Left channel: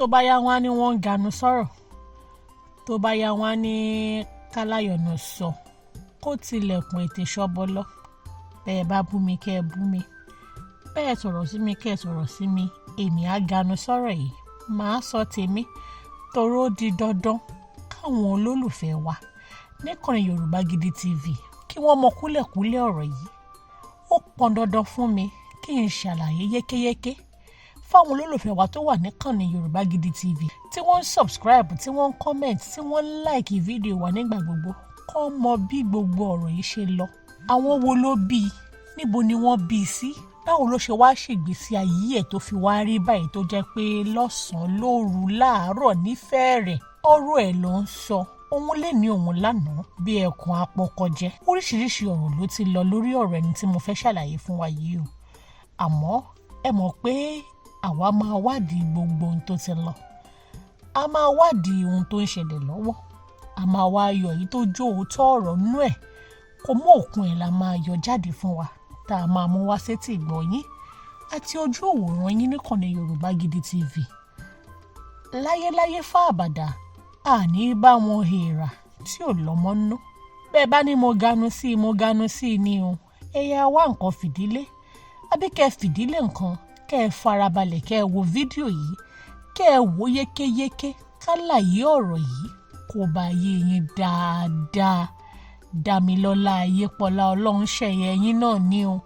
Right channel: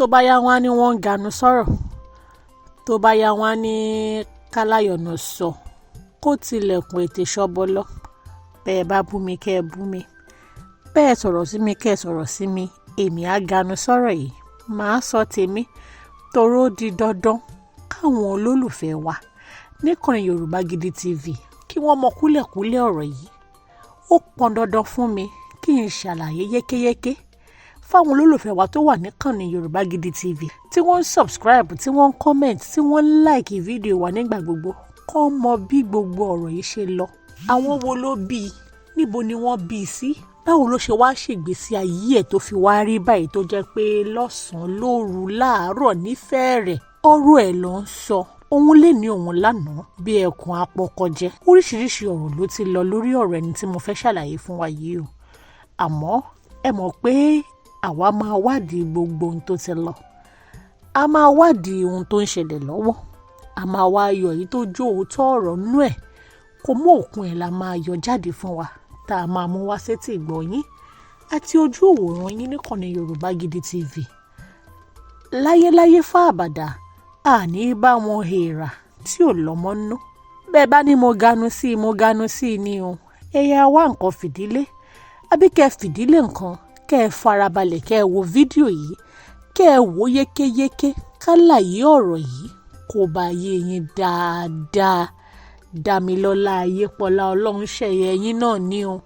tó bá yá wọn á ní wọ́n ń ganu sọ̀rọ̀, tó bá yá wọn á ní káláyọ̀nà sọ kó tilẹ̀kùn ètè ṣọ́bọ́lọ́. Bẹ́ẹ̀ bá bú mi kẹ́ ẹ bú mi, bẹ́ẹ̀ sọ̀rọ̀ sí mi kẹ́ ẹ sọ̀rọ̀ sí mi, èmi á ganu sọ̀rọ̀ yìí, màá sọ tèmi toró di dandan káwọn olólùfẹ́ wa níkànnì Yorùbá Gidi TV kí wọ́n mọ kúlẹ̀kúlẹ̀ ọ̀rọ̀ yìí. Ó pọn dandan fún mi kí n ṣàlàyé yékéyéké fáwọn olólùfẹ́ wa tó wà níkànnì Yorùbá Gidi TV tí wọ́n ń subscribe, tí wọ́n ń comment, tí wọ́n ń like fídíò wa nígbà gbogbo, kó mọ bí gbogbo ọ̀rọ̀ yìí ṣe lọ. Àwọn wo ló bí i, níbo ni wọ́n bí i sí, báwo ló ṣe wá ṣègbésí ayé ẹ̀ tó fi wá rí báyìí tó jẹ́ pé lọ́sàn-án lóru láàárọ̀ nífẹ̀ẹ́ rẹ̀ ọ̀rọ̀ ẹ̀ ló ń sọ. Òun lè ní òun lánàá bí ẹkùn apọkọjẹ. Oríṣiríṣi ọ̀rọ̀ ló ti lọ lórí ọ̀rọ̀ ẹni tí mo fẹ́ ṣàlàyé fún wa yìí o. Àmọ́ ẹ mọ̀ pé àwa máa wádìí gbogbo ohun tó ti lọ. A máa wádìí ohun tó ń ṣẹlẹ̀ lọ́wọ́. A máa wá yọ èyí tó jó òótọ́ ọ̀rọ̀ nú ẹ̀. Kò mú òkun ẹ̀ la máa yọ jáde fún wa tá a máa mú wá sétí ìgbọ́ yín àti ojú òwòrán yín níkànnì Yorùbá Gidi TV. Láyéláyé fáàbàdà àní bá wọn hèèrà tí ò lọ́mọ nú. Bẹ́ẹ̀ bá ní mo ganu sí i ni o. Ẹ̀yà wá nǹkan fìdílé àbí kẹ́ ẹ fìdílé nǹkan, kẹ́ ẹ farabalẹ̀ kẹ́ ẹ wo fídíò yìí, kẹ́ ẹ wò yékéyéké kálàyé ọ̀rọ̀ yìí kó bá yé yín dáadáa. Dámilọ́lá Ayépọ́lá Ọlọ́runṣẹ̀yẹ yín náà ni o.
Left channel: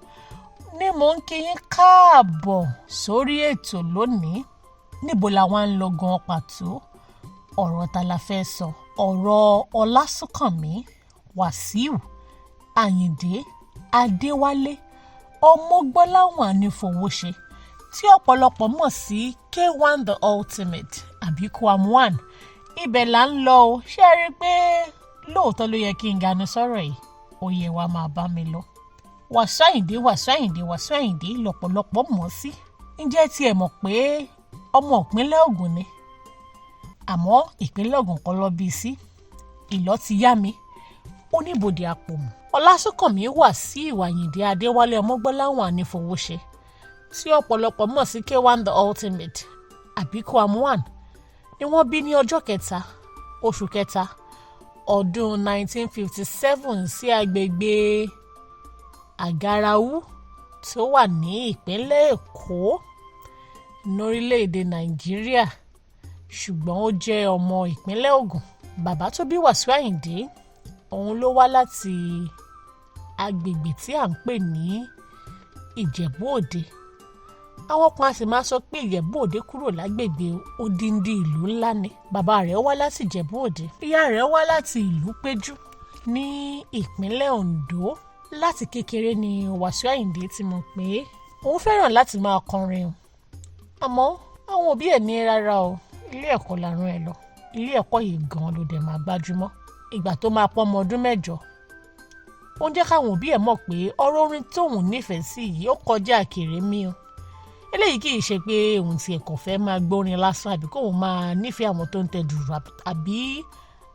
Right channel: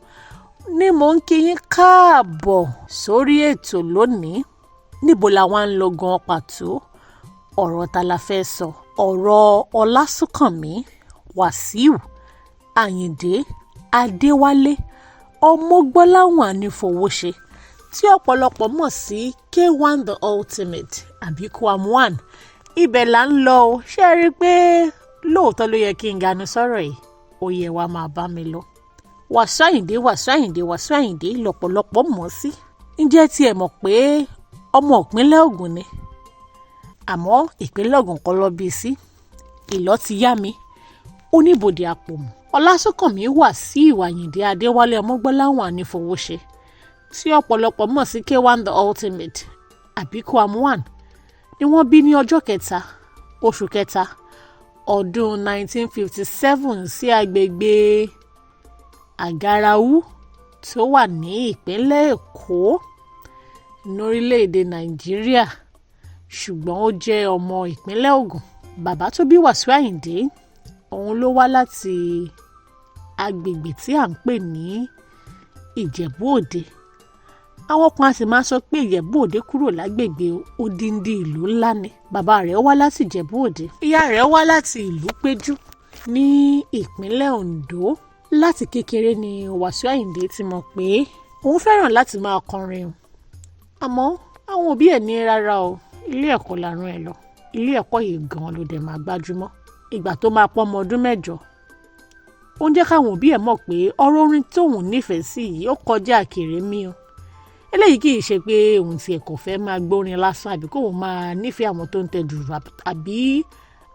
Ní mò ń kí yín káàbọ̀ sórí ètò lónìí. Níbo la wá ń lọ gan pàtó? Ọ̀rọ̀ ta la fẹ́ sọ? Ọ̀rọ̀ Ọlásùnkànmí, Wasiu, Ayinde, Adéwálé, Ọmọgbọ́láwọn Anífowóṣe tí ọ̀pọ̀lọpọ̀ mọ̀ sí K1 the Ultimate àbí Kwam1. Ibẹ̀ là ń lọ o. Ṣé ẹ rí i pé lóòótọ́ ló yẹ kí n ganu sọ̀rọ̀ yìí? Ó yẹ wá máa bá mi lọ. Wasiu Ayinde lọ́pọ̀lọpọ̀ mọ̀ sí. Ǹjẹ́ tí ẹ mọ̀ pé ọmọ ìpínlẹ̀ Ògùn ni? Àmọ́ ìpínlẹ̀ Ògùn kọ́ ló bí sí. Ìlọ́ ti yá mi. Oníbodè Àpòmù. Ọlásùnkànmí Wasiu Ayinde Adéwálé Ọmọgbọ́láwọn Anífowóṣe tí ọ̀pọ̀lọpọ̀ mọ̀ sí K1 the Ultimate àbí Kwam1 ni wọ́n bí ní ọjọ́ kẹta oṣù kẹta ọdún 1957 sí agbègbè Àgàràwú tó wà ní ìpínlẹ̀ Èkó lórílẹ̀‐èdè Nàìjíríà, ṣùgbọ́n ó jẹ́ ọmọ ìpínlẹ̀ Ògùn. Bàbá tó bí Wasiu Ayinde òun ló wá láti agbègbè tí à ń pè ní Ìjẹ̀bú Òde. Àwọn kan sì máa sọ pé Ìjẹ̀bú Òde kúrò lágbègbè odindi ìlú ńlá ni. Bàbá rẹ̀ wá láti Ìjẹ̀bú Òde. Ìyá rẹ̀ wá láti ìlú Péjú ní ìpínlẹ̀ Oǹdó. Láti kékeré ni Wasiu Ayinde ti mọ̀ pé òun fẹ́ràn láti máa kọrin o. Àmọ́ àwọn òbí ẹ̀ ní rárá o, ilé ẹ̀kọ́ la rán ẹ lọ. Ilé ẹ̀kọ́ yìí gan ló dẹ̀ máa gbájúmọ́. Ìgbà tó máa pọ́ ọmọ ọdún 8, ó ń jẹ́ káwọn òbí ẹ̀ mọ̀ pé ọ̀rọ̀ orin tóun nífẹ̀ẹ́ sí yìí ó kọjá kèrèmí o. Eléyìí kì í ṣe pé òun ti ẹ̀kọ́ fẹ́ máa gbórin lásán àbí kóun máa nífẹ̀ẹ́ àwọn tó ń tẹ dùrù àbí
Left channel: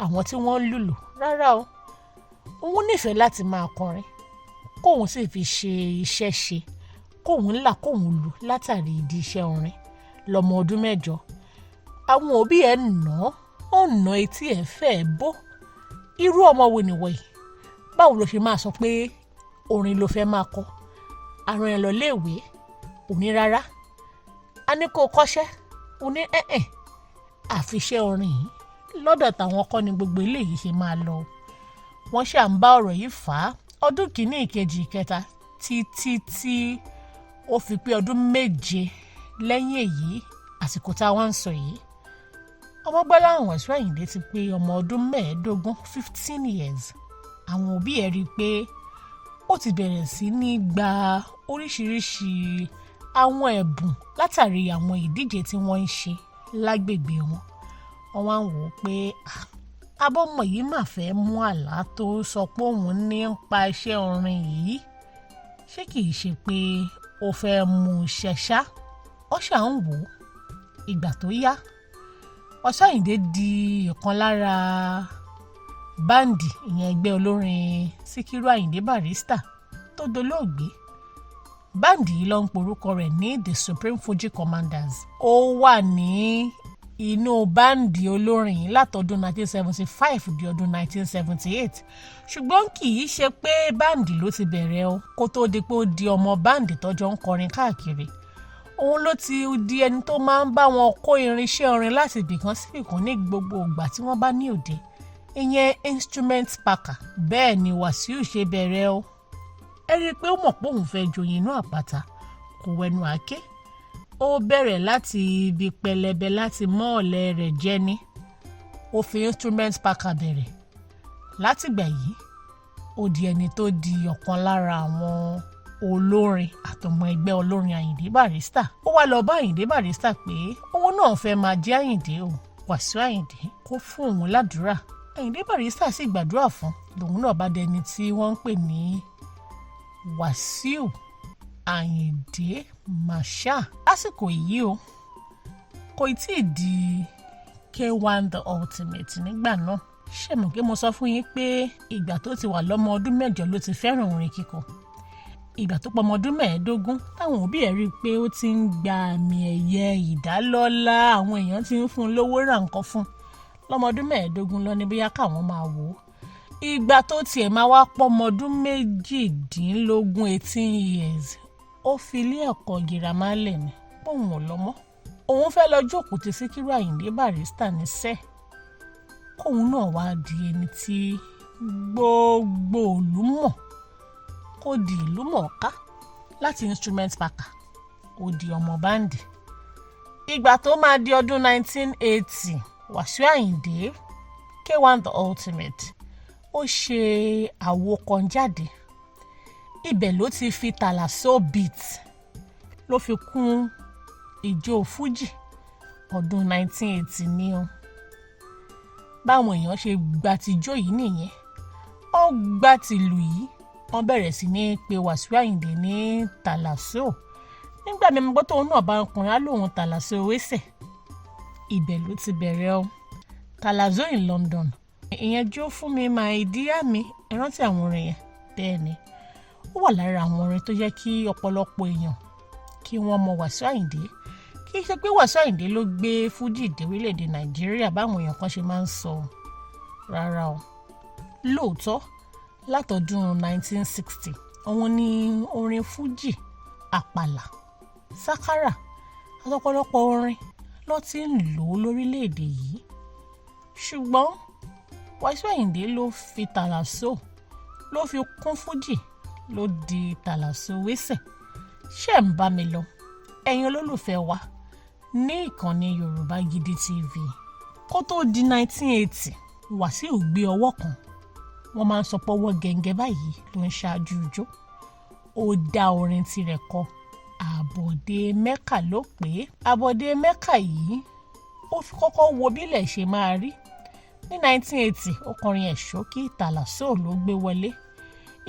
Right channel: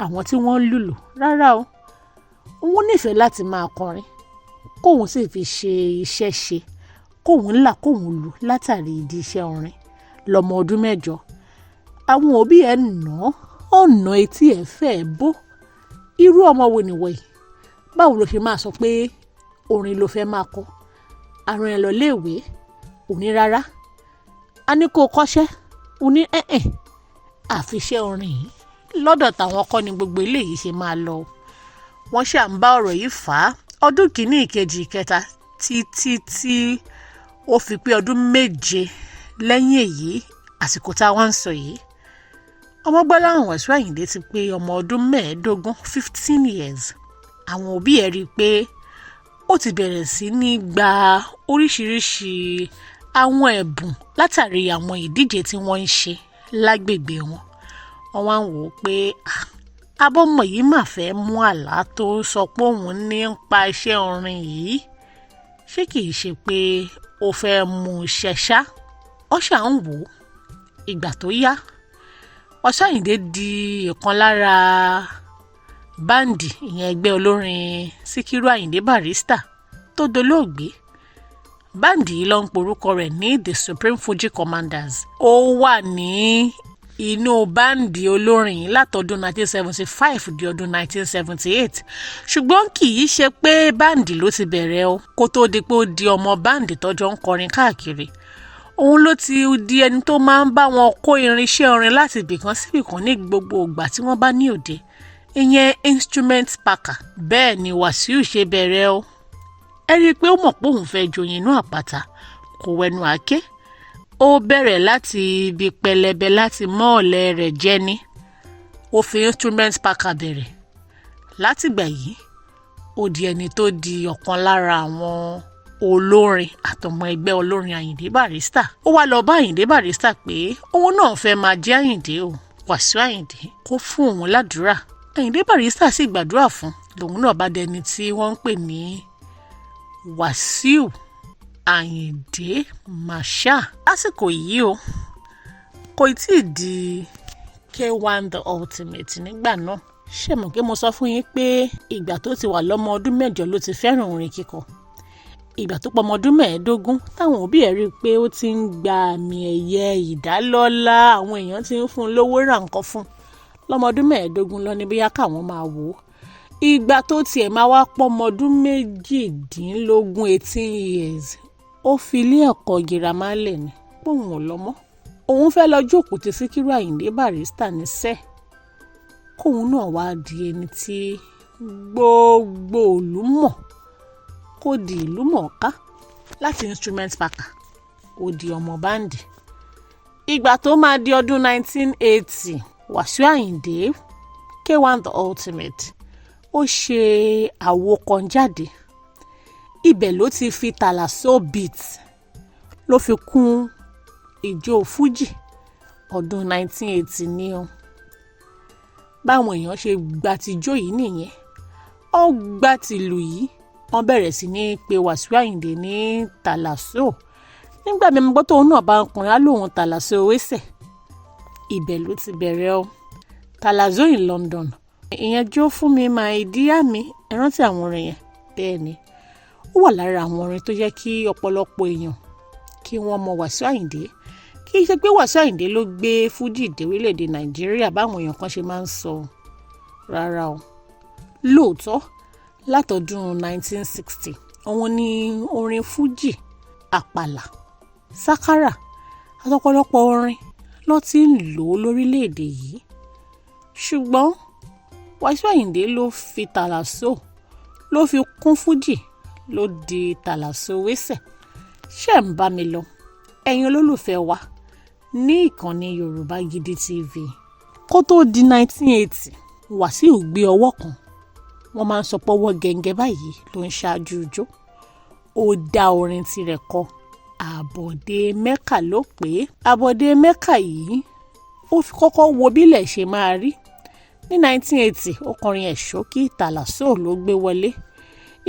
àwọn tí wọ́n ń lùlù. Rárá o, òun nífẹ̀ẹ́ láti máa kọrin kóun sì fi ṣe iṣẹ́ ṣe, kóun là kóun lù látàrí ìdí iṣẹ́ orin. Lọ́mọ ọdún 8, àwọn òbí ẹ̀ ọ̀nà etí ẹ̀ fẹ́ bó. Irú ọmọ wo nìwọ̀ yìí? Báwo ló ṣe máa sọ pé orin ló fẹ́ máa kọ? Àrùn ẹ̀ lọ léèwé, òní rárá. A ní kó kọ́ṣẹ́, òní àfiṣẹ́ orin yìí lọ́dọ̀ táwọn kọ́ ni gbogbo eléyìí ṣe máa lọ. Wọ́n ṣà ń bá ọ̀rọ̀ yìí fà á ọdún kìíní, ìkejì, ìkẹta títí tí ó fi pé ọdún 7 lẹ́yìn èyí àsìkò táwọn ń sọ yìí. Ọmọgbọ́láwọn Wasiu Ayinde ti pé ọmọ ọdún 15, 15 years. Àwọn òbí ẹ̀ rí i pé ó ti bẹ̀rẹ̀ sí ní gba oríṣiríṣi àwọn ẹ̀bùn látàrí àwọn ìdíje tí wọ́n ń ṣe lágbègbè wọn. Wọ́n wá ń wò ó pé abọ́mọ yìí mà fẹ́ mú àlá tó sọ pé òun ní ń pa iṣẹ́ orin yìí. Ṣé kìí ṣe pé ó fẹ́ mú ṣẹ̀ṣá? Ó ṣà ń wò ó. Ìgbà tó yá, Wasiu Ayinde di ìkan lára báǹdì, ìyẹn ẹgbẹ́ olórin Síkírù Àyìndé Barrister tó dolóògbé. Báǹdì yìí ló ń porúkọ rẹ̀ ní The Supreme Fuji Commanders. Ó wà ní inú báǹdì olórin yìí látọdún 1975 di ọdún 1978 ṣùgbọ́n kì í ṣe pé báǹdì ló ti bẹ̀rẹ̀ o kó tó di pé ó di ọmọ báǹdì tọ́jọ́ ń kọrin káàkiri òun ló ti di ẹni tó máa ń bá wọn kó irinṣẹ́ orin láti ibìkan síbìkan ní gbogbo ìgbà tí wọ́n bá ní òde ìyẹn instrument packer bẹ́ẹ̀ ni Wasiu ṣe bẹ̀rẹ̀ o ẹ rí i pé ó mọ̀ pé òun fẹ́ joyin inú àpáta kò wẹnu àáké ó bẹ̀rẹ̀ láti ibi pẹlẹbẹ láti mọ́ ọ̀lẹ rẹ̀ jẹ ní ó fi instrument packer bẹ̀rẹ̀ látìgbà yìí ó di ẹni tó di ọ̀kan lára àwọn olórin àtọmọ ẹgbẹ́ olórin Ayinde Barrister ó wá lọ bá Ayinde Barrister pé òun náà fẹ́ máa jẹ́ Ayinde o Wasiu Ayinde kó fún òun ládùúrà Ayinde Barrister sì gbàdúrà fún lòun náà bá dẹni tí wọ́n ń pè ní Wasiu Ayinde Marshal lásìkò yìí o kò tí ì di K1 the ultimate nígbà náà ṣé mọ̀ pé mo sọ fún yín pé ìgbà tó ti wà lọ́mọ ọdún 8 ló ti fẹ́ràn orin kíkọ ìgbà tó pọ̀ ọmọ ọdún 15 táwọn òbí ẹ̀ rí i pé ó ti ń gba àmì ẹ̀yẹ ìdálọ́lá àwọn èèyàn ti ń fún un lówó ra nǹkan fún lọ́mọ ọdún 15 lọ ní bóyá káwọn máa wò ó ìgbà tó tiẹ̀ máa wá pọ̀ ọmọ ọdún 18 years ó fi ilé ẹ̀kọ́ girama lẹ̀ ní pòun ò lọ́mọ́ òun fẹ́ lọ jókòó ti Síkírù Àyìndé Barrister níṣẹ́ kóun náà wá di ẹni tí gbogbo ìlú mọ̀ kó di ìlú mọ̀ọ́ká láti instrument packer ó di ọmọ báǹdì ìgbà tó máa di ọdún 1980 Wasiu Ayinde K1 the ultimate ó ṣe àwo kan jáde ibẹ̀ ló ti fi tàlàsó beat ló fi kún ìjó Fuji ọdún 1980 ní o báwọn èèyàn ṣe gba tijó yìí nìyẹn ó gba tìlù yìí wọ́n bẹ̀rẹ̀ sí ní pé Wasiu Ayinde ní tàlàsó nígbà mi gbọ́ tóun náà bá ń kùnrin á lóun tàlàsó wẹ́sẹ̀ ibẹ̀ ló ti bẹ̀rẹ̀ o tàlàsó in London ìyẹn jó fún mi máa ìdíyà mi ẹ rántí àwọn orin yẹn bẹ́ẹ̀ ni ó wà lára àwọn orin tó jẹ́ kí ọ̀pọ̀lọpọ̀ èèyàn kí wọ́n mọ Wasiu Ayinde kì í ṣe pé Wasiu Ayinde ló gbé Fuji dé orílẹ̀-èdè Nàìjíríà báwọn èèyàn kan ṣe máa ń sọ rárá o lóòótọ́ látọdún 1960 òun ni orin Fuji àpàlà sákárà àtọ̀pọ̀lọpọ̀ orin ló ti ń lò ó lórílẹ̀-èdè yìí ṣùgbọ́n Wasiu Ayinde ló fi tàlàsó ló fi kún Fuji ló di tàlàsó wẹ́sẹ̀ ṣé ń bá mi lọ ẹ̀yin olólùfẹ́ wa ní ìkànnì Yorùbá Gidi TV kó tó di 1980 Wasiu gbé ọwọ́ kan wọ́n máa ń sọ pé ọwọ́ gẹ̀ǹgẹ̀ báyìí ló ń ṣáájú ijó ó dá orin tirẹ̀ kọ àbọ̀dé mẹ́kà ló pé àbọ̀dé mẹ́kà yìí ó fi kọ́kọ́ wo bílẹ̀ ṣe máa rí ní 1980 ó kọrin ẹ̀ ṣókí tàlàsó ló gbé wọlé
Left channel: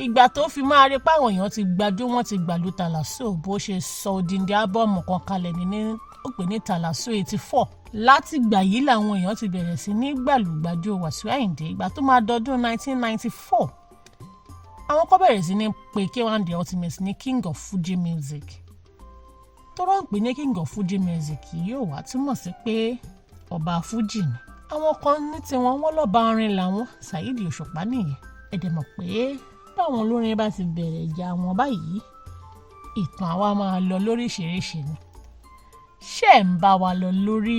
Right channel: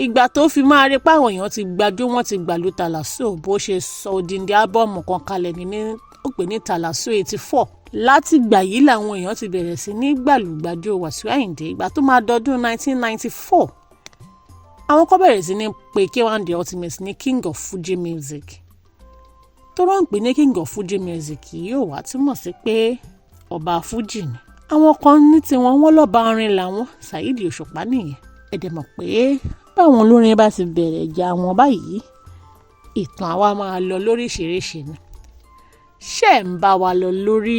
ìgbà tó fi máa rí páwọn èèyàn ti gbàjó wọn ti gbàlú tàlàsó bó ṣe sọ odindi ábọ́ọ̀mù kan kalẹ̀ ní ó pè ní tàlàsó 84 láti gbà yìí làwọn èèyàn ti bẹ̀rẹ̀ sí ní gbàlúgbàjó Wasiu Ayinde ìgbà tó máa dọdún 1994 àwọn kan bẹ̀rẹ̀ sí ní pé K1 the ultimate ní king of Fuji music tó rán pé ní king of Fuji music yìí ò wá túmọ̀ sí pé ọba Fuji ni àwọn kan ní tiwọn wọ́n lọ́ba orin làwọn Saheed Òṣùpá nìyẹn ẹ̀dẹ̀ mọ̀ pé báwọn olórin bá ti bẹ̀rẹ̀ ìjà wọn báyìí ìtàn àwa máa lọ lóríṣiríṣi ni ṣé ń bá wa lọ lórí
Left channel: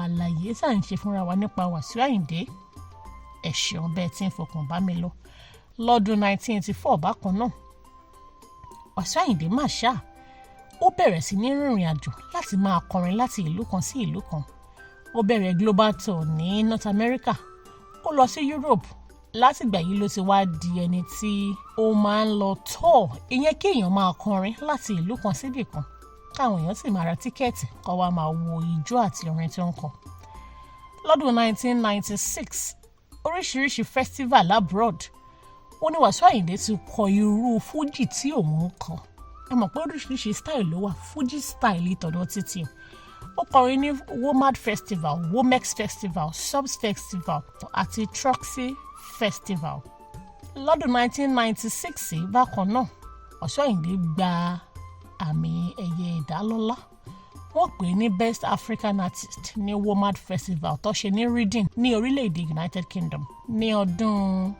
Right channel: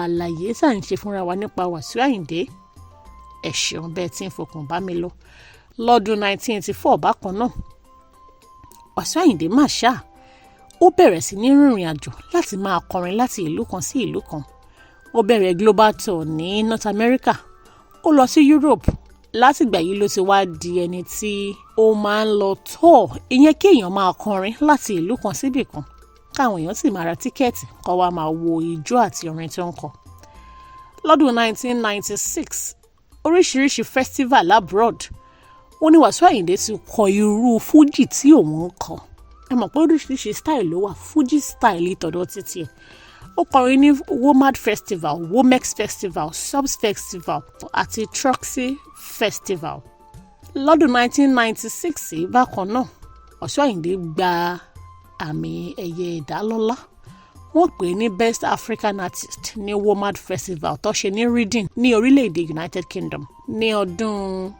àlàyé tá à ń ṣe fúnra wa nípa Wasiu Ayinde ẹ ṣeun bẹ́ẹ̀ tí ń fọkàn bá mi lọ lọ́dún 1984 bákan náà Wasiu Ayinde Marshal ó bẹ̀rẹ̀ sí ní rìnrìn àjò láti máa kọrin láti ìlú kan sí ìlú kan ó bẹ̀rẹ̀ global tour ní North America ó lọ sí Europe látìgbà yìí ló ti wá di ẹni tí ó máa ń lọ tour ìyẹn kí èèyàn máa kọrin láti ìlú kan síbì kan káwọn èèyàn sì máa ra tíkẹ́ẹ̀tì kó wá máa wo ijó àti orin tí ó ń kọ. lọ́dún 1996 oríṣiríṣi festival abroad ó ní Wasiu Ayinde ti kọ irú Fuji tí òun ń kọ ẹ mọ̀ pé oríṣiríṣi style ló wà Fuji style ìtọ̀dọ̀ títí ẹ̀ ó kọrin ní Womad festival Womex festival Subs festival àti Troxy festival lọ́dún 1996 bákan náà Wasiu Ayinde gba àmì ẹ̀yẹ ìdálọ́lá wọ́n pè é ní Best African Artist ní WOMAD Festival tó ṣe ní Reading ní orílẹ̀-èdè United Kingdom ní ọdún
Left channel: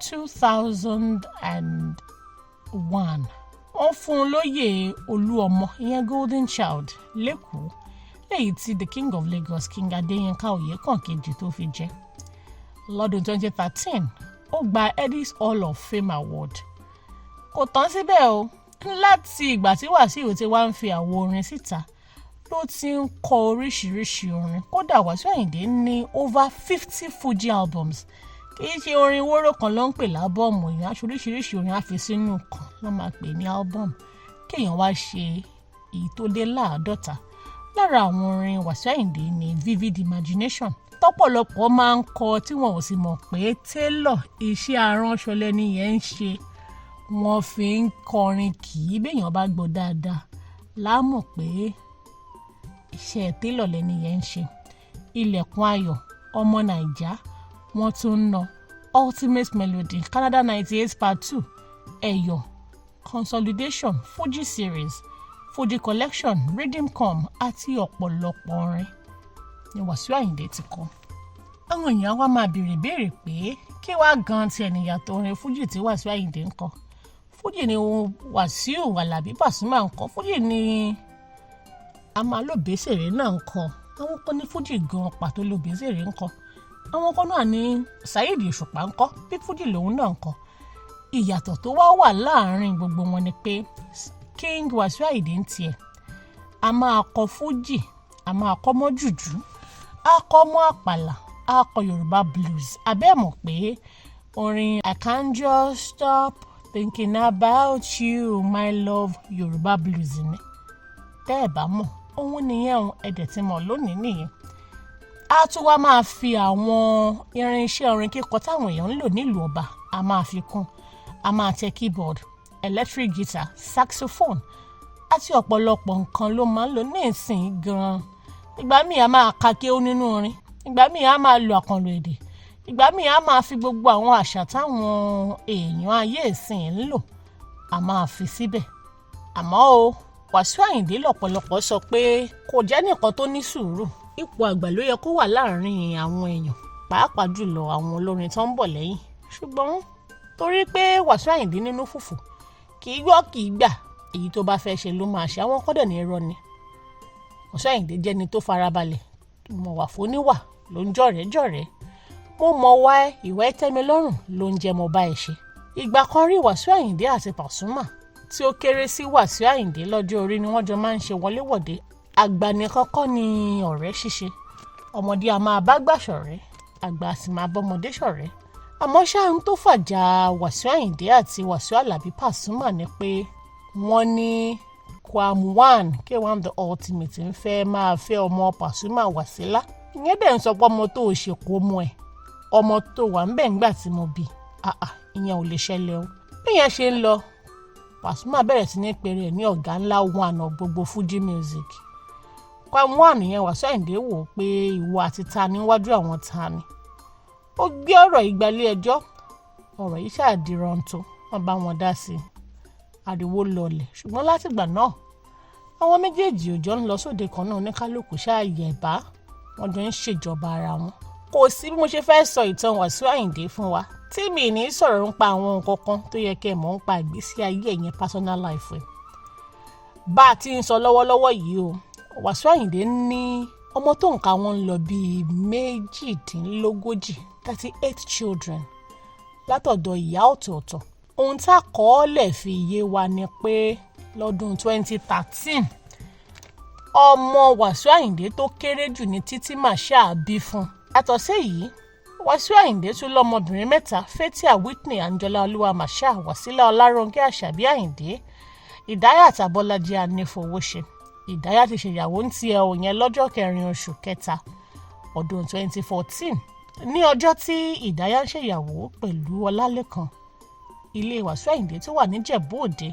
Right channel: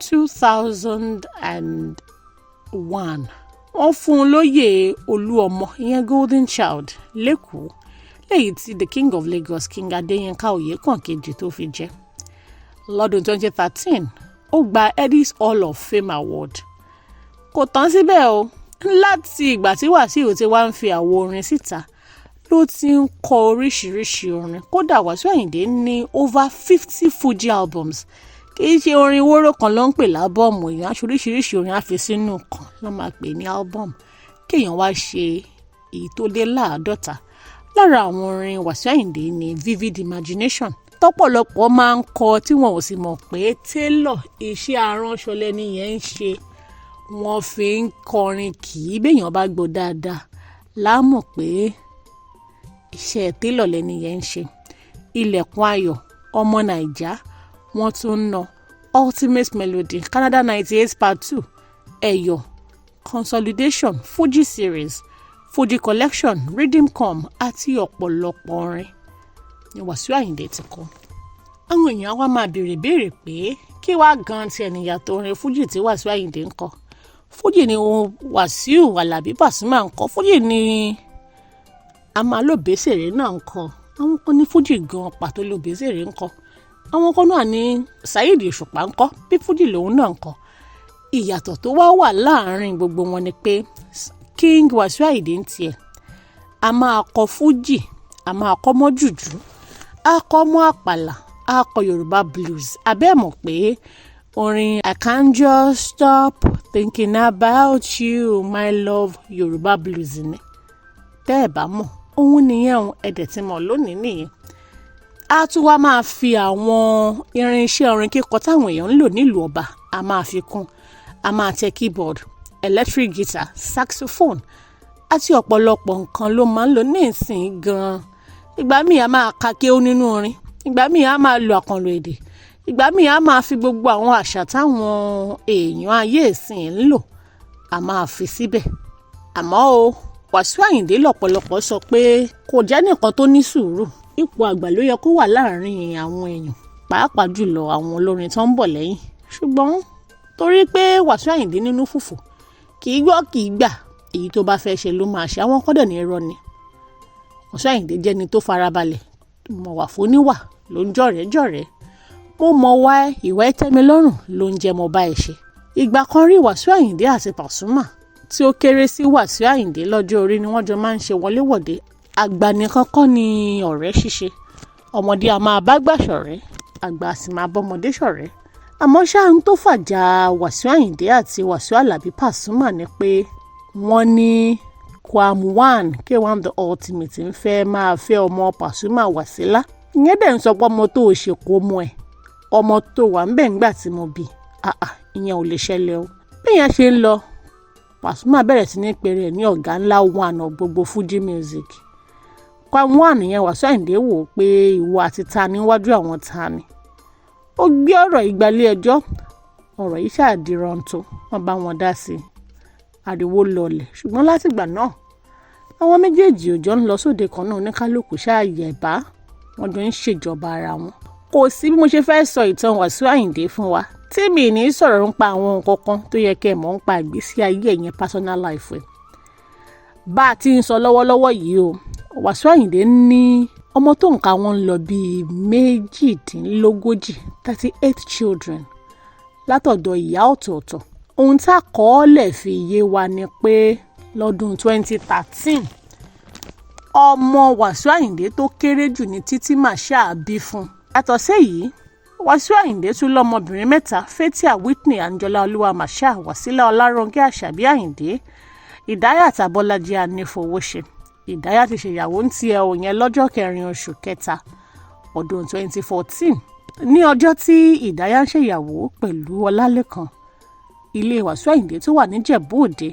2001. Wọ́n fún un lóyè Olúọmọ ìyẹn Golden Child lẹ́kọ̀ọ́ èyí tí the King of Lagos King Adéyínká Oyèkán kejì tó fi jẹ́. Lọ́dún 2013 ó gba Eddie's Hall of Fame Award. Kò tán síbẹ̀ o, láti ìgbà tí Wasiu ti wá ń fi àwo orin síta ló ti ń kọ oríṣiríṣi orin. Kódà Wasiu Ayinde ní over 50 Fuji albums. Kì í ṣe orin wóró kan ló ń pè lábọ́ọ̀mù, èèyàn aṣọ oríṣiríṣi orin á fi sínú kan ló máa pè ní album. Kéèyàn wá ṣe èyí tó lé láàádọ́ta. Lára àwọn orin Wasiu Ayinde ní Vivid Imagination tọ́pọ̀lọpọ̀ máa ń kọ tí wọn ò sì mọ̀ pé tailor iṣẹ́ aránṣọ lẹ́ni yẹn ń ṣe. Wọ́n fi ń kọrin kì í béèyàn bá gbọ́ dáadáa láàmọ̀ pé iṣẹ́ tailor lẹ́ni yẹn ń ṣe. Ilẹ̀kùn ayọ̀, ọmọ Naija, wọ́n tún ń ná Ultimate Melody, Canada 98 Part 2, Ẹ̀yọ̀, Consolidation, Fuji Series, Fuji Collection, Rhythm Com àti ọ̀pọ̀lọpọ̀ orin ni Wasiu Ayinde ti kọ. Àwọn èèyàn wá máa béèrè pé kí wá gan ti ẹnìyàtọ̀ orin Fuji tí Wasiu Ayinde ń kọ. Fuji ni Wasiu Alabi Pasuma ń kọ. Fuji ni Amalobesere náà ń kọ. Àwọn kan ní Fuji gan pàtó Lobesere ń kọ. Àwọn kan náà ní Saheed Òṣùpá ń kọ bí Fuji lòun náà ń kọ. Ìyàtọ̀ tó wà láàárín gbogbo wọn ni pé King Wasiu Ayinde ń tiẹ̀ a máa kọ Fuji, a máa kọ mọ́ jùjú, a kọ mọ́ àpàlà, a kọ Yorùbá blues. Abẹ́ mọ̀ pé orin I can't just stop thinking about you my love Yorùbá blues ni. Tẹ́ ẹ bá mọ̀, òun nìyẹn ẹ̀dẹ̀ tí mọ̀ lónìí nìyẹn. A tún wá máa fi àwọn irinṣẹ́ orin kíkọ táwọn èèyàn ń lò nílùú ọba a máa fi kún. A máa tẹ keyboard, electric guitar, saxophone àti ọ̀pọ̀lọpọ̀ nǹkan ló máa ń lò ní ìsìn gan-an. Ìgbà míì a máa ka kéwú nínú orin, ìgbà míì a máa lo àkànlò èdè, ìgbà míì a máa fi gbogbo àwọn àṣà táwọn èèyàn ayé ìsìn ń lò a máa fi síbẹ̀. Àmọ́ o, Wasiu Ayinde lọ́pọ̀lọpọ̀ sọ pé kò jẹ́ nìkan tó ní sùúrù. Ipò àgbà ló yẹ kó wà láàárín àwọn èèyàn, pàápàá jùlọ àwọn olórin tó ń bọ̀ lẹ́yìn. Ṣùgbọ́n torí pé Wasiu Ayinde nínú fùfù kì í gbọ́ kì í gbà, èyí tó bá fẹ́ ṣe ló máa ṣe. Àwọn kọ́dẹ̀ ní irọ́ ni. Wasiu Ayinde jẹ́ ni tó farabalẹ̀, mọ̀ wà fóníwà ló ń jọ̀rẹ́. Mo mọ̀ wá ìwà tẹ́mi lọ́rùn ló ń jẹ́ mo bá ẹ ṣe. Ìgbà kan rí Wasiu Ayinde àti Pasuma tí ó kéré sí Wasiu Ayinde lọ́jọ́ orí ni wọ́n jọ máa ń ṣe wọléwọ̀de. Àgbà nìkan kọ́ ni ọ̀rẹ́ ṣíṣe. Ọmọdé a máa bá gbà ṣọ̀rẹ́, àgbà sì máa bọ́mọdé ṣọ̀rẹ́. Àmọ́ ṣáà ń tó fàjà Wasiu Ayinde àti Wasiu Alabi Pasuma ni pé wọ́n ní Kwam1 K1 the Ultimate ń fẹ́ máa fẹ́ ọmọ Pasuma Wasila. Ìyẹn dẹ̀ ń sọ pé ọmọ tó o ṣe kó mọ́ ẹ̀, ọmọ tó wà ń bẹ̀ ńgbà tí mo bí. Ìyẹn ò lè ṣẹlẹ̀ o. Bí ìyẹn ṣe ń lọ, Pasuma bẹ̀rẹ̀ sí ní pèrè ẹ̀ ní ọ̀gá ńlá one gbogbo Fuji music. Kwam1 yẹn Wasiu Ayinde wò pé ìwọ àti ta níwájú àwọn ta ni. Ó gbé ọ̀rọ̀ ìgbàlẹ̀ ẹjọ́, ọ̀rọ̀ yìí ṣàdìrọ̀ǹtò, wọ́n bá wọn dá sí i. Ariwo lọlẹ̀, ṣùgbọ́n látìgbà náà àwọn méjèèjì ò jọ ń lọ sóde kan náà, oníkálùkù ṣáàyè bá wọn jọ ń ṣèjọba ara wọn. Kò sí bí mo ṣe fẹ́ sọ ìtàn Wasiu Ayinde fún wa tí mi ní sọ̀rọ̀ nípa àwọn nǹkan kan tó yẹ kẹ́ ẹ mọ̀ nípa ìgbésí ayé ẹ̀yẹn personal life ẹ̀. Bá a ti ń sọ lọ́wọ́lọ́wọ́ yìí o, Wasiu Ayinde ní ọmọ tó ń ka wọn lọ bíi 38, 38 children látọ̀dọ̀ ìyá ọ̀tọ̀ọ̀tọ̀. Ohun tá a kọ́ọ́lẹ̀ fi yé wa ni pé lọ́dún 2013 ọmọ Wasiu Ayinde tó kéré jù ní Títí Màṣá bí fún. Yàtọ̀ séyìí, Wasiu Ayinde tún lọ́mọbìnrin 3, Fathia Whitney Anjola Olúwa Màṣá, Wasila Ọlárónkẹ́ Àṣàbí Ayinde, Ìdáyàt Abọ́lájí Anífowóṣe. Ìdáyàt ti ṣèyàwó ń tiẹ̀ òyìn lọ́jọ́ 4 oṣù kẹta ọdún 2014. Ní ọjọ́ tí Ìdáyà ń ṣèyàwó pẹ̀lú Ọlálékan, ilé Wasiu Ayinde tó wà níjẹ̀bú Òde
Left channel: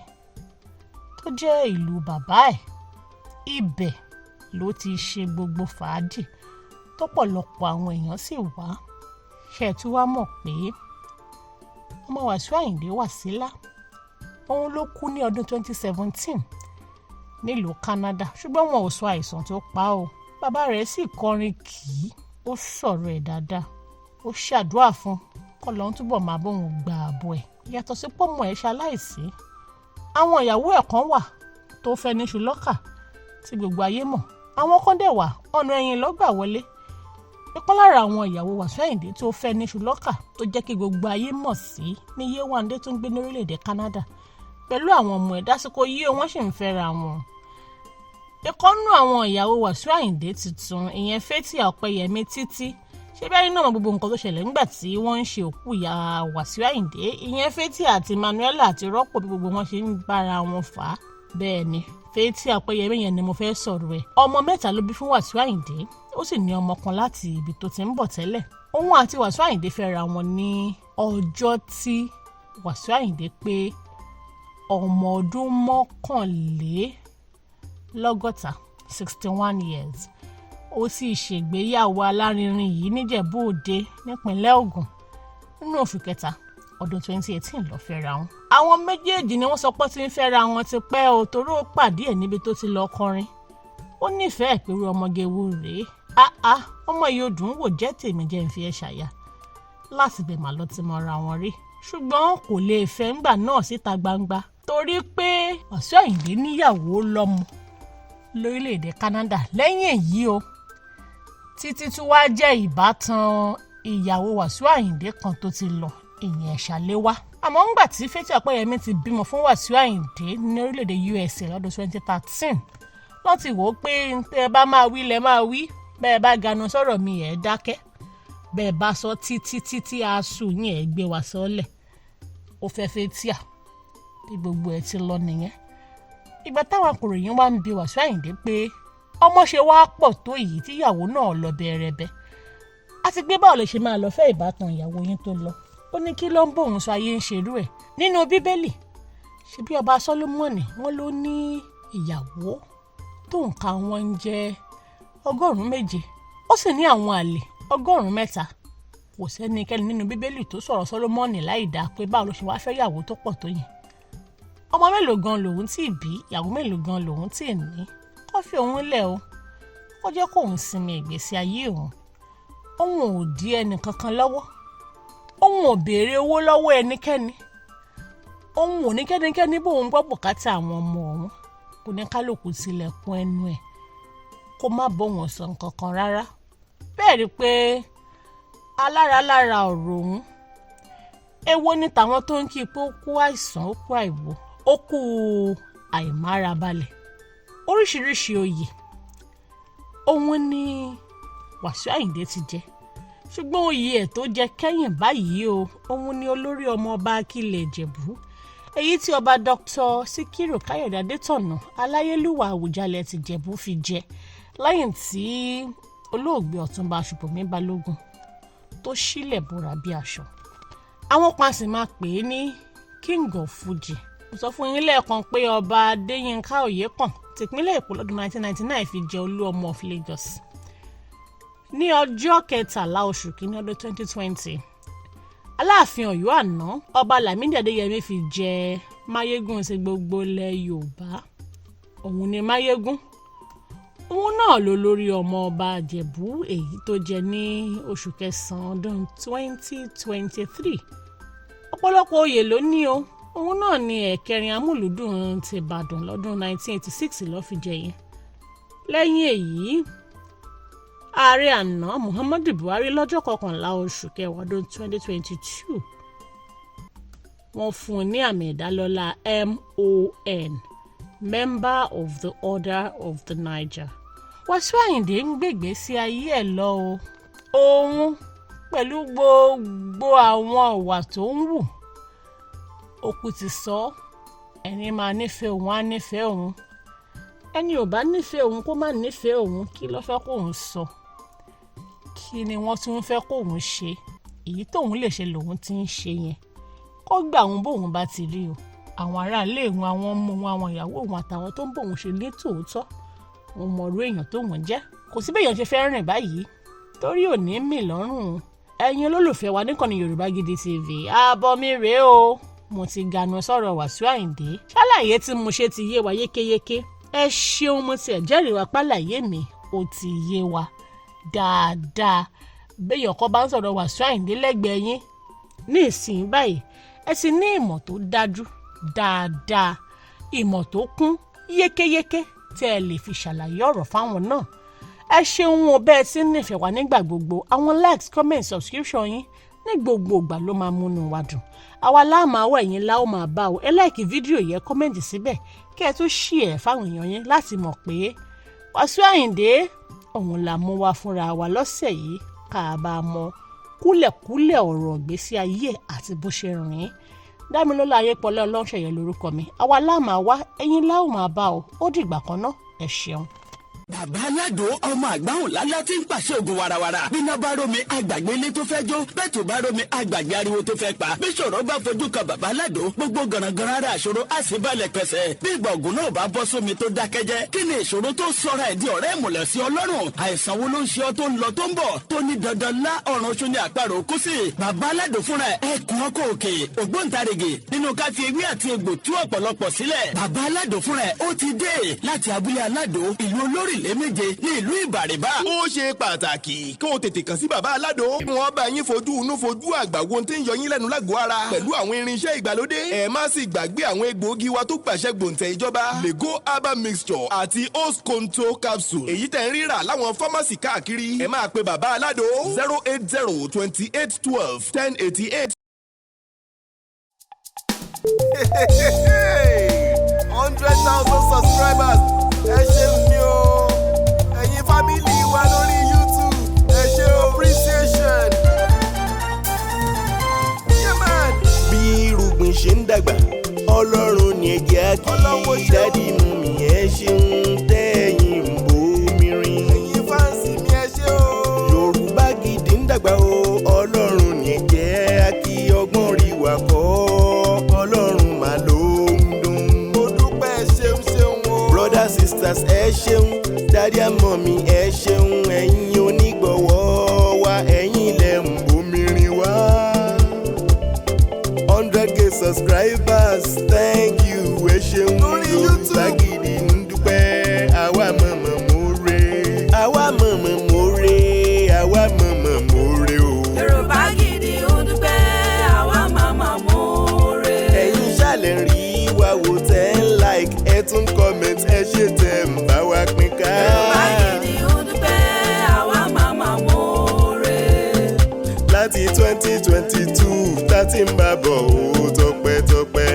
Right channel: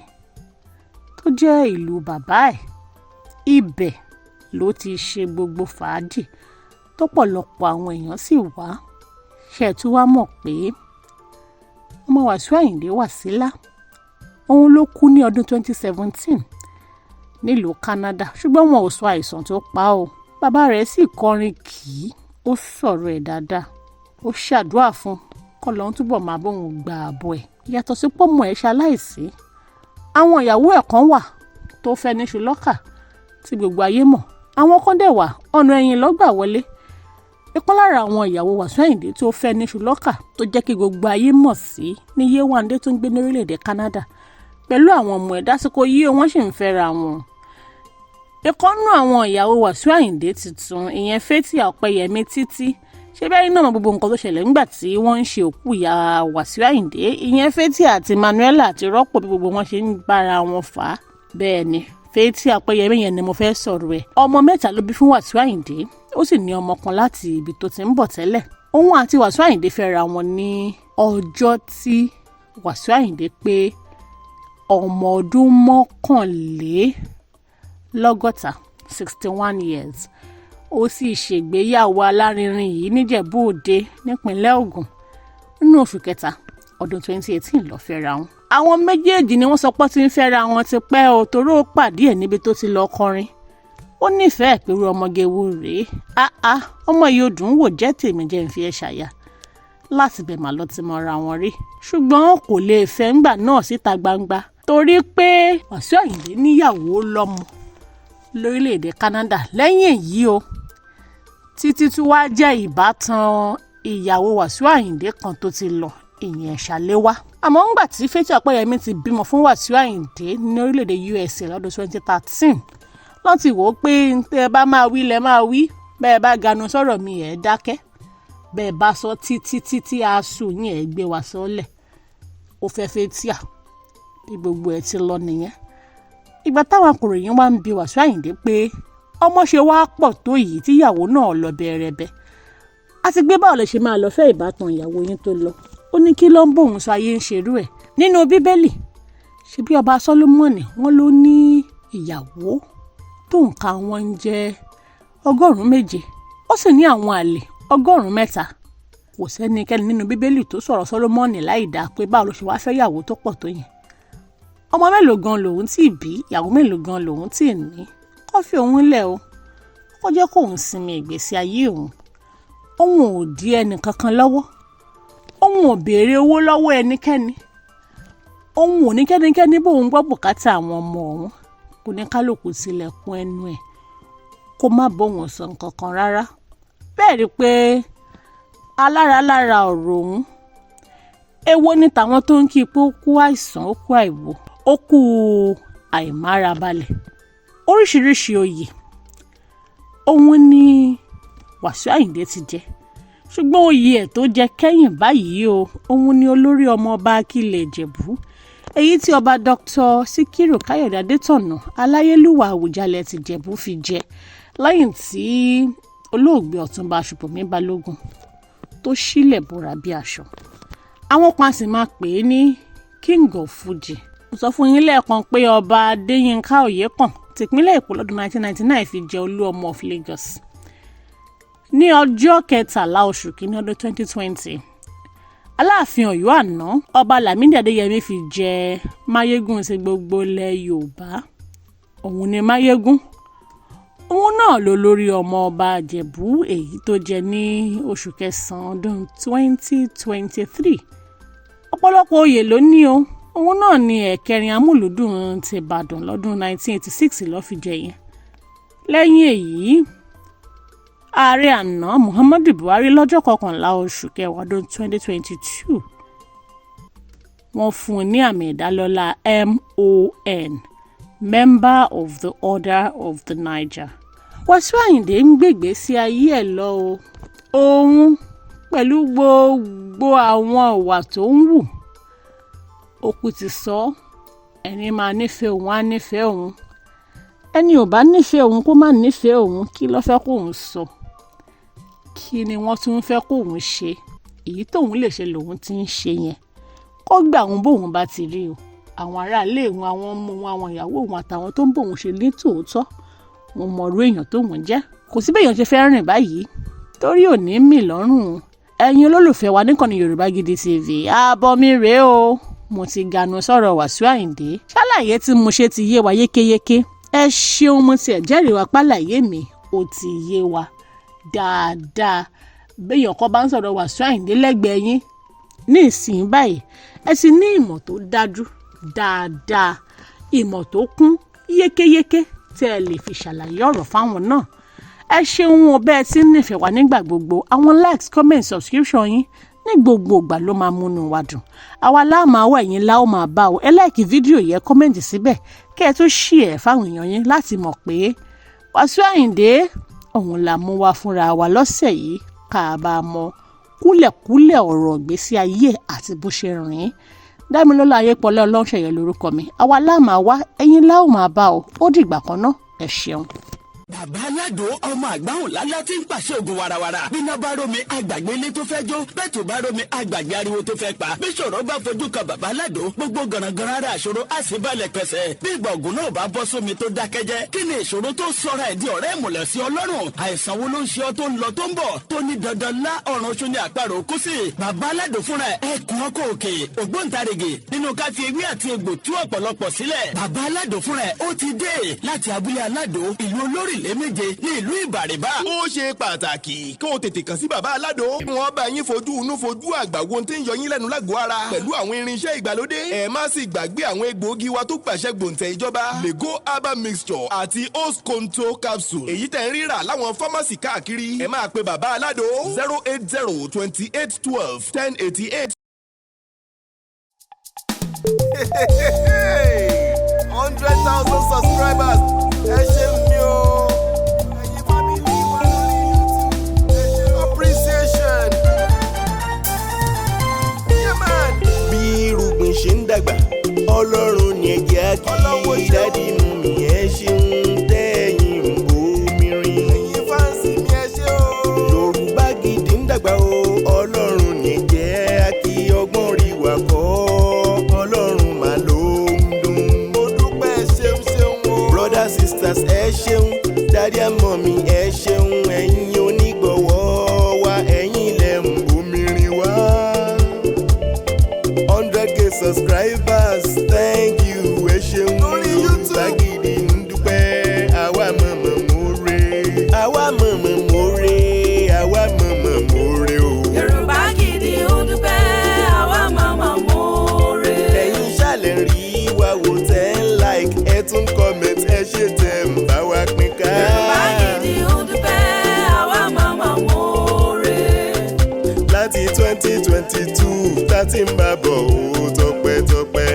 tó jẹ́ ìlú bàbá ẹ̀, ibẹ̀ ló ti ṣe gbogbo fàájì tó pọ̀lọpọ̀ àwọn èèyàn sì wá. Ṣé ẹ tún wá mọ̀ pé ọmọ Wasiu Ayinde Wasila òun ló kú ní ọdún 2017 nílùú Canada ṣùgbọ́n wọn ò sọ àìsàn tó pa o. Bàbá rẹ̀ sì kọrin kì í, ó sọ̀rọ̀ ẹ̀ dáadáa, ó ṣàdúrà fún k'Ọlọ́run túbọ̀ máa bóun gba ààbọ̀ ẹ̀. Yàtọ̀ sí pọ́mọ ẹ̀ ṣaláìsí, àwọn ìyàwó ẹ̀ kan wà tó fẹ́ níṣu lọ́kà tí gbogbo ayé mọ̀, àwọn kan dẹ̀ wà ọ̀nà ẹ̀yìn lọ́gbà wọlé. Ìkan lára àwọn ìyàwó Wasiu Ayinde tó fẹ́ níṣu lọ́kà tó jẹ́ kí gbogbo ayé mọ̀ sí ní Yéwándé tó ń gbé ní orílẹ̀-èdè Canada pẹ̀lú àwọn ọmọ ẹ̀ dásìkò yìí wọ́n sì ń fẹ́ra wọn. Ìkan nínú àwọn ìyàwó Wasiu Ayinde tuntun ìyẹn Fathia Ọpẹ́yẹmí Títí, ṣé bẹ́ẹ̀ náà mọ gbogbo nǹkan tó ṣẹlẹ̀ nígbà tí wọ́n ń ṣe òkú ìyá Wasiu Ayinde ìyẹn Fathia àti Manuela àti rọ́pò bí gbogbo wọn ṣe ń bára wọn fà á. Bẹ́ẹ̀ ni Fathia Ọpẹ́yẹmí yẹn ni mo fẹ́ sọ̀rọ̀ ẹ̀. Ọmọ 3 ló bí fún Wasiu Ayinde, ó sì ní ọmọ kan láti ibi tó ti ń bọ̀ tẹ́lẹ̀. Òun àti Wasiu Ayinde fẹ́ra wọn ní ọjọ́ tí Wasiu Ayinde pé ọmọ ọdún 61 years. Ó sì ṣègbéyàwó alárinrin yìí níjẹ̀bú Òde nípínlẹ̀ Ògùn nínú oṣù kẹta ọdún 2018 ló fẹ́ra wọn. Àwọn méjèèjì ni wọ́n sọ pé tí ń fẹ́ra wọn ti pẹ́ o, torí ó pàdé ẹ̀ níbi tó ti lọ kọrin. Ó nífẹ̀ẹ́ pẹ̀lú ọmọge wo rèé, ọmọ yìí ó dùn wò, jẹ́ tèmi jẹ́ ń fi ẹ́ ṣàyà. Láti bẹ̀ mà lọ ti mọra wọn rí, ṣùgbọ́n kò lè fẹ́ ńgbà náà síta gbangba torí pé Wasiu Ayinde níyàwó lọ́mọ lórílẹ̀‐èdè Canada. Lẹ́yìn èyí o, Títí tún wá jẹ́ ìbátan ìyàwó Wasiu Ayinde kan tó ti lọ, ìyẹn Ṣàléwá. Àmọ́ ńgbà tí Fathia Ọpẹ́yẹmí ti bímọ fún Wasiu Ayinde ní orílẹ̀‐èdè USA lọ́dún 2013, lọ́n ti wò ó pé tẹ́ ẹ bá máa wí lẹ máa wí, bẹ́ẹ̀ bá ganu sọ̀rọ̀ mi ẹ̀ dákẹ́, bẹ́ẹ̀ bá sọ títí aṣù yín ẹ̀ gbé wa sọ́lẹ̀. Ó fẹ́ Fathia bí gbogbo ẹ̀ ti lọ nìyẹn. Ìgbà táwọn akọ̀ròyìn wá ń bi Wasiu Ayinde pé ọmọ ṣe wá pọ̀ tó yìí tíyàwó náà lọ bẹ̀rẹ̀bẹ̀, àti gbé báwo lè ṣe máa lọ fẹ́ ìbátan ìyàwó yín tó lọ. Ó ní kí ló ń bóun sọ ayé ń ṣerú ẹ̀. Nínú Bíbélì ṣe bí ọba Sólómọ́nì wọ́n ló ní ìyàwó tó nǹka wọn ń jẹ́ 700, ó sì ní àwọn àlè 300. Kò sẹ́nikẹ́ni nínú Bíbélì tó sọ̀rọ̀ Sólómọ́nì láì dáa pé báwo ló ṣe wá fẹ́ ìyàwó tó pọ̀ tó yẹn. Ọmọ mélòó gan lòun tí ì bí, ìyàwó mélòó gan lòun tí ì ní. Kó fi òun lẹ̀ o, kó jẹ́ kóun sinmi ìgbésí ayé òun. Òun ò dí ẹnì kankan lọ́wọ́, òun ò béèrè owó lọ́wọ́ ẹnikẹ́ni, òun ò ní kẹ́nikẹ́ni bóun gbọ́ bùkátà àwọn ọmọ òun. Kò ní kálukú tilẹ̀kùn ẹnu ẹ̀ kó má bóun sọ nǹkan kan rárá. Bẹ́ẹ̀ rí pé alára ọ̀rọ̀ òun. Èwo ni tàwọn tó ń kí pé ó kú àìsàn, ó kú àìwò, ó kú àìmárabalẹ̀. Oríṣiríṣi oyè òun ni Wasiu Ayinde ti jẹ, ṣùgbọ́n oyè ẹ̀ tó jẹ kẹ́yìn báyìí o, òun ni olórí ọmọ ọba Akílẹ̀ Ìjẹ̀bú, èyí tí ọba Dr. Síkírù Káyọ̀dé Adétọ̀nà Aláyélúwà Àwùjalẹ̀ ti Ìjẹ̀bú fi jẹ lẹ́yìn tí olóògbé Ọ̀túnba Ṣùpọ̀mí Balógun tó sílẹ̀ bóra bí aṣọ. Àwọn kan sì máa pè é ní King of Fuji. Mo sọ fún yín lẹ́ẹ̀kan pé ọba Adéyínká Oyèkán tìpínlẹ̀ Èkó lọ́dún 1999 fi jẹ Olú ọmọ of Lagos. Ní ọjọ́ 13 oṣù kìíní ọdún 2020, Aláàfin Ọ̀yọ́ àná ọba Lámídì Adéyẹmí fi jẹ Máyégún sí gbogbo ilẹ̀ Yorùbá. Òun ni Máyégún. Òun náà ló lórí ọmọ ọba Ìjẹ̀bú èyí tó jẹ ní oṣù kẹsàn-án ọdún 2023. Ọ̀pọ̀lọpọ̀ oyè ló ní o. Òun náà ni ẹ̀kẹrin amúlùúdùn ti Ìbàdàn lọ́dún 1986 ló fi jẹ yẹn. Lẹ́yìn èyí, ààrẹ àná Muhammadu Buhari lọ́jọ́ 11 oṣù kẹwàá ọdún 2022 wọ́n fún un ní àmì ìdálọ́lá MON, Member of the Order of the Niger. Wasiu Ayinde ń gbègbè sí ayé ẹ̀ lọ o. Òun pẹ̀lú gbogbo àwọn ìwà tó ń wù. Òkú ti sọ, ẹni máa nífẹ̀ẹ́ òun á nífẹ̀ẹ́ òun. Ẹni ò bá nífẹ̀ẹ́ òun kó má nífẹ̀ẹ́ òun, kí ló fẹ́ kóun sọ? Kí ni wọ́n tún fẹ́ kóun ṣe? Èyí tóun lè ṣe lòun ti ń ṣe yẹn. Kó gbà òun bóun bá ti rí o. Àwọn aráalé òun, àwọn ọmọ òun, àwọn ìyàwó òun àtàwọn tó ń bóun ṣe ní tòótọ́, wọn mọ irú èèyàn tóun jẹ́. Kò sí béèyàn ṣe fẹ́ rìn báyìí torí ò ní mì lọ́rùn. Ẹ̀yin olólùfẹ́ wa níkànnì Yorùbá Gidi TV, ààbọ̀ mi rèé o. Mo ti ganu sọ̀rọ̀ Wasiu Ayinde. Ṣàlàyé tí mo ṣe ti yé wa yékéyéké. ẹ ṣeun mo tiẹ̀ jẹ́rìí wa pálàyé mi ó ti yé wa dáadáa béèyàn kan bá ń sọ̀rọ̀ Wasiu Ayinde lẹ́gbẹ̀ẹ́ yín ní ìsìn báyìí ẹ sì ní ìmọ̀ tó dájú dáadáa ìmọ̀ tó kún yékéyéké tí ẹ lè fi ṣàlàyé ọ̀rọ̀ fáwọn náà ẹ ṣeun o bẹ́ẹ̀ tí ń nífẹ̀ẹ́ wa nígbà gbogbo àwọn likes comment subscription yín ní gbogbo ìgbà ló máa múnú wa dùn àwa láà máa wọ ẹ̀yin láò máa bá o ẹ láìkí fídíò yẹn kọ́mẹ̀ntì síbẹ̀ kí ẹ tó ṣí ẹ̀ fáwọn èèyàn yín láti mọ̀ pé Wasiu Ayinde òun là mú wa fúnra wa lọ́sẹ̀ yìí ká bá mọ kúlẹ̀kúlẹ̀ ọ̀rọ̀ ìgbésí ayé àti bó ṣe rìn Dámilọ́lá Ayépọ̀lá Ọlọ́runṣẹ̀yẹ lórúkọ mi àwa láà máa wá ẹ̀yin láò máa bá o ó dìgbà kan náà ẹ ṣeun. Bàbá Aládò ọmọ àgbáhùn lálá tí ń pàṣẹ ògùn warawara. Bíná bá rómi àgbàgbé ilé tó fẹ́ jó. Bẹ́ẹ̀ tó bá rómi àgbàgbé ariwo tó fẹ́ pa. Bí ṣòro bá fojú kan Bàbá Aládò, gbogbo gànàgànà ara àṣòro á sì balẹ̀ pẹ̀sẹ̀. Bí ìgbà ògùn náà bá bọ́ sómi tó dákẹ́jẹ́. Kí ni ìṣòro tó sọra ẹ̀ di ọ̀rẹ́ ìmùlẹ̀ sí Ọlọ́run? Àìsàn wo ló ń ṣe ọ tó ń lọ tó ń bọ̀? Tó ní dandan lá ọ̀run oṣù ní àparò kú sí. Bàbá Aládò fúnra ẹkùn ọkọ̀ òkè. Ògbóǹtarìgì nínú ká fi ewé àti egbò tú ọ̀pọ̀lọpọ̀ sílẹ̀. Bàbá Aládò fúnra ó ti dé láti abúlé Aládò ìlú Olórílẹ̀ méje ní ìlú Ìbàrìbà. Ó ṣe pàtàkì kí o tètè kàn sí Bàbá Aládò. Wọ́n bá yín fojú inú fojú àgbà wo tí ń yọ yín lẹ́nu lágọ̀ọ́ ara pẹ̀lú àwọn irinṣẹ́ ìgbàlódé. Ẹ má sì gbàgbé àwọn egbòogi wa tó gbàṣẹ gbòǹtẹ̀ ìjọba. Lego herbal mixture àti host control capsule. Èyí tẹ̀ ń rírà láwọn fámásì káàkiri. Ẹ máa pe Bàbá Aládò 08028121088. 100,000 subscribers. Ẹ ṣé mi o. Ẹ̀yin family wa lórí YouTube. Ẹ ṣé appreciation. Yeah man. Bí irúgbìn ṣe ń dàgbà, Ọlọ́run ni ẹ jẹ́ á kí. Dádì mummy ẹ ṣeun tẹ́yìn ń bomi rin. Ẹ̀yin fáǹsì mi ẹ ṣé o. Yorùbá Gidi ń dàgbà o, Ọlọ́run ni ẹ jẹ́ á kí. Ọgbọ́n rí wa kọ́, Ọlọ́run mà ló ń dùn. Mo dúpẹ́ ṣeun ṣeun o. Brothers sisters ẹ ṣeun, Daddy and mommy ẹ ṣeun, ẹ̀yin onígbọ̀wọ́ wa, ẹ̀yin lẹ ń bomi rin wá. 100K subscribers, thank you ẹ ṣeun. Yorùbá Gidi ń dúpẹ́, àwa mọ̀mọ́ more, àwa mọ̀mọ́ more, àwa mọ̀mọ́ more o. Yorùbá Gidi ń dúpẹ́, àwa mọ̀mọ́ more. Ẹ̀yin ṣàlẹ̀ rí wa wò tẹ́ ń like, ẹ tún comment, ẹ ṣe tẹ̀ ń bá wa pín ká. Yorùbá Gidi ń dúpẹ́, àwa mọ̀mọ́ more. Láti 2022 tá ti ń bá bọ̀ ó tọpẹ́tọpẹ́.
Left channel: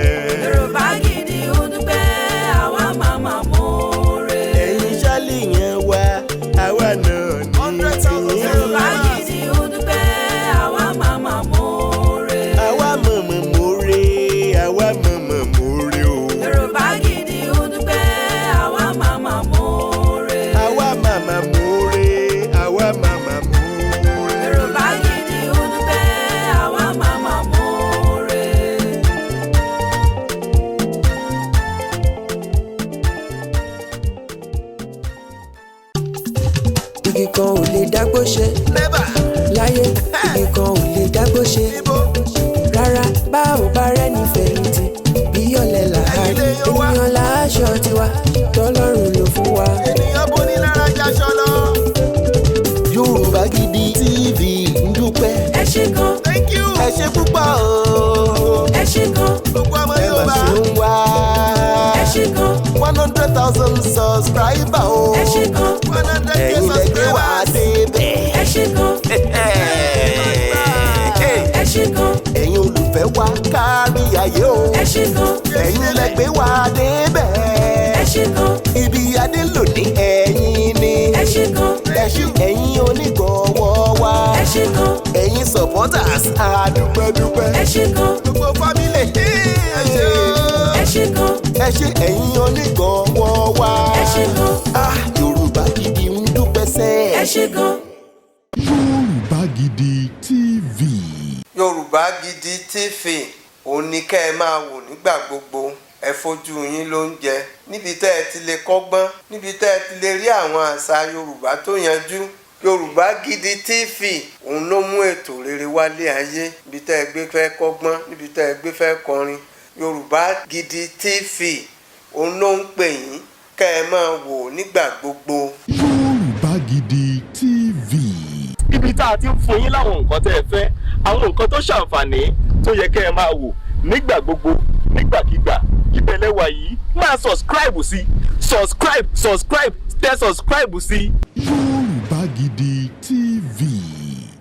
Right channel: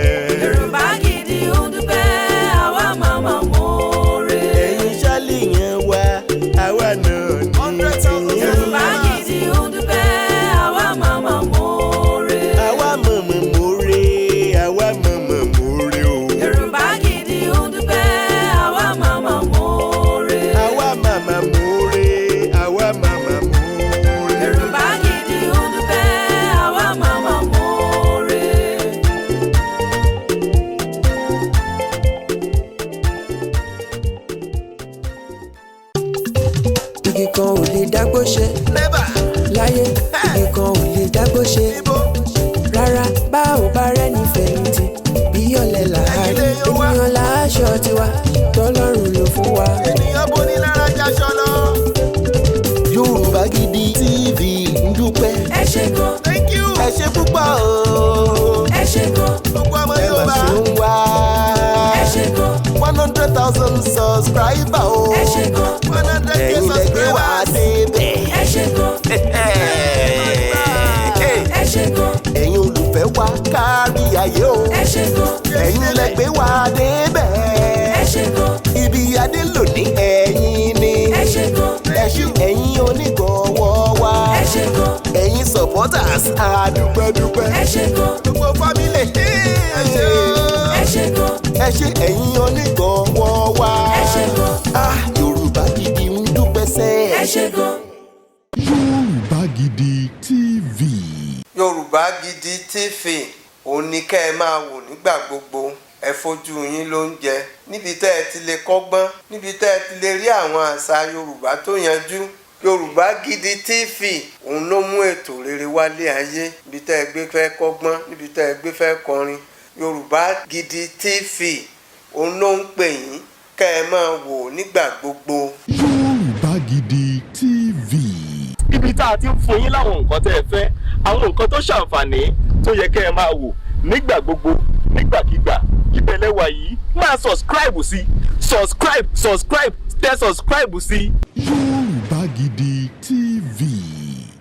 Yorùbá Gidi ń dúpẹ́, àwa mọ̀mọ́ more. Ẹ̀yin ṣálì yẹn wá, àwa náà ní tiyín. Yorùbá Gidi ń dúpẹ́, àwa mọ̀mọ́ more. Àwa mọ̀mọ́ more, àwa mọ̀mọ́ more o. Yorùbá Gidi ń dúpẹ́, àwa mọ̀mọ́ more. Àwa màmá more, àwa màmá more. Yorùbá Gidi ń dúpẹ́, àwa mọ̀mọ́ more. Igi kan ò lè dágbó ṣe Never. láyé, igi kan ò lè dágbó ṣe Ibo. rárá. Bá ò bá rẹ́ni fẹ̀yìntì bí ọ̀lẹ làárí. Ènìyàn láṣọ tiwa tọ́lọ́run ló fún wa. Ènìyàn bó ní lára jaṣọ lọ. Yorùbá Gidi TV ń dúpẹ́. Ẹ ṣé gan, Thank you. Ẹ ṣé púpọ̀ o. ẹ ṣé gan, Gbogbo ọmọ Ẹ mà Yorùbá. ṣe ń wá. ẹ ṣé gan, 100,000 subscriber o. ẹ ṣé gan, 100K Ẹ̀yin lẹ gbé wá subscribers. débẹ̀. ẹ ṣé gan, ẹ ṣé gan, Ẹ̀yin olùfẹ́ wa kárí ayé o. ẹ ṣé gan, Ẹ̀yin lẹ gbé wá débẹ̀. ẹ ṣé gan, Ibi adé lòdì ẹ̀yin ni. ẹ ṣé gan, Ẹ̀yin onígbọ̀wọ́ wa. ẹ ṣé gan, Ẹ̀yin supporters àdúpẹ́dúpẹ́. ẹ ṣé gan, Gbogbo family. Ẹ ṣé o. ẹ ṣé gan, Ẹ ṣé ẹ̀yin onígbọ̀wọ́ wa. ẹ ṣé gan, Yorùbá Gidi ń dúpẹ́ sẹ́. ẹ ṣé gan. Yorùbá Gidi TV. Yorùbá Gidi TV òun ni kẹ́ ẹ máa wò nígbà gbogbo. Ẹ fojú yín ló ń jẹ níbi tẹ́ ẹ ti lè kọ́gbọ́n, níbi tẹ́ ẹ ti lè rí àwọn àṣà Yorùbá tó yanjú. Yorùbá Gidi TV òun ló mú ètò rere wálé ayé, níbi tẹ́ ẹ gbé fẹ́ kọ́gbọ́n, níbi tẹ́ ẹ gbé fẹ́ kọrin. Yorùbá Gidi TV òun ló ń pè yín kẹ́ ẹ máa wò nígbà gbogbo. Yorùbá Gidi TV. ibi tá a ti ń fún yín láwọn nǹkan tẹ́ ẹ fẹ́ àwọn nǹkan tó ṣàǹfààní tó yẹ kẹ́ ẹ máa wò nígbà gbogbo nígbàkigbà ìbẹ̀lẹ̀ wà yìí máa subscribe sí tẹ subscribe sí. Yorùbá Gidi